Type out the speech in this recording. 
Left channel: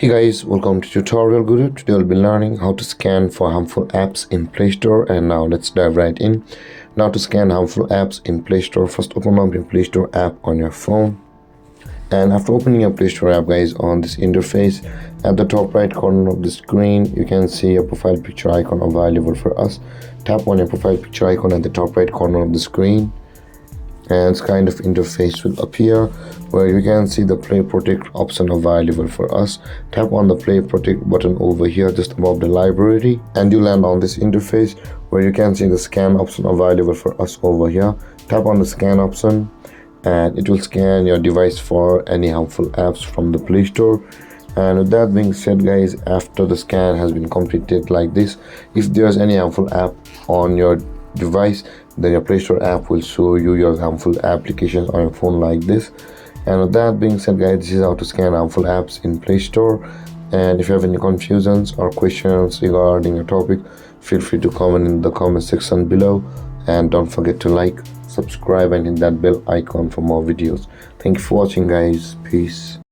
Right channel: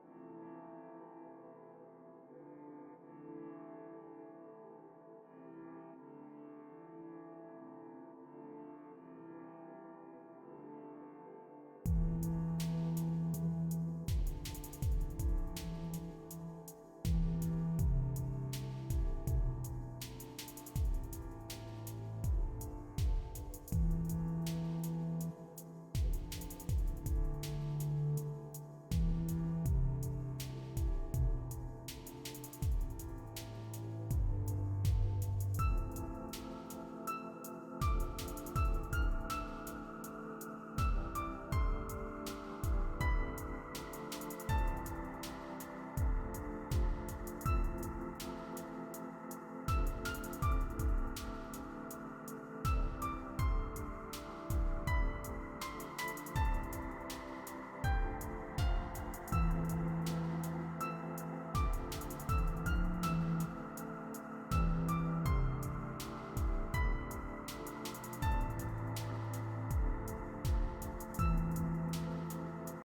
Hey guys, welcome to TutorialGuru. Today we'll be learning how to scan for harmful apps in Play Store, and now let's dive right in. Now to scan harmful apps in Play Store, first open up your Play Store app on your phone. And after opening your Play Store app, guys, on this interface, at the top right corner of the screen, you can see a profile picture icon available for us. Tap on your profile picture icon at the top right corner of the screen, and this kind of interface will appear where you can see the Play Protect option available for us. Tap on the Play Protect button over here just above the library, and you land on this interface where you can see the scan option available for us over here. Tap on the scan option and it will scan your device for any harmful apps from the Play Store. And with that being said, guys, after the scan has been completed like this, if there's any harmful app on your device, then your Play Store app will show you your harmful applications on your phone like this. And with that being said, guys, this is how to scan harmful apps in Play Store. And if you have any confusions or questions regarding a topic, feel free to comment in the comment section below. And don't forget to like, subscribe, and hit that bell icon for more videos. Thank you for watching, guys. Peace.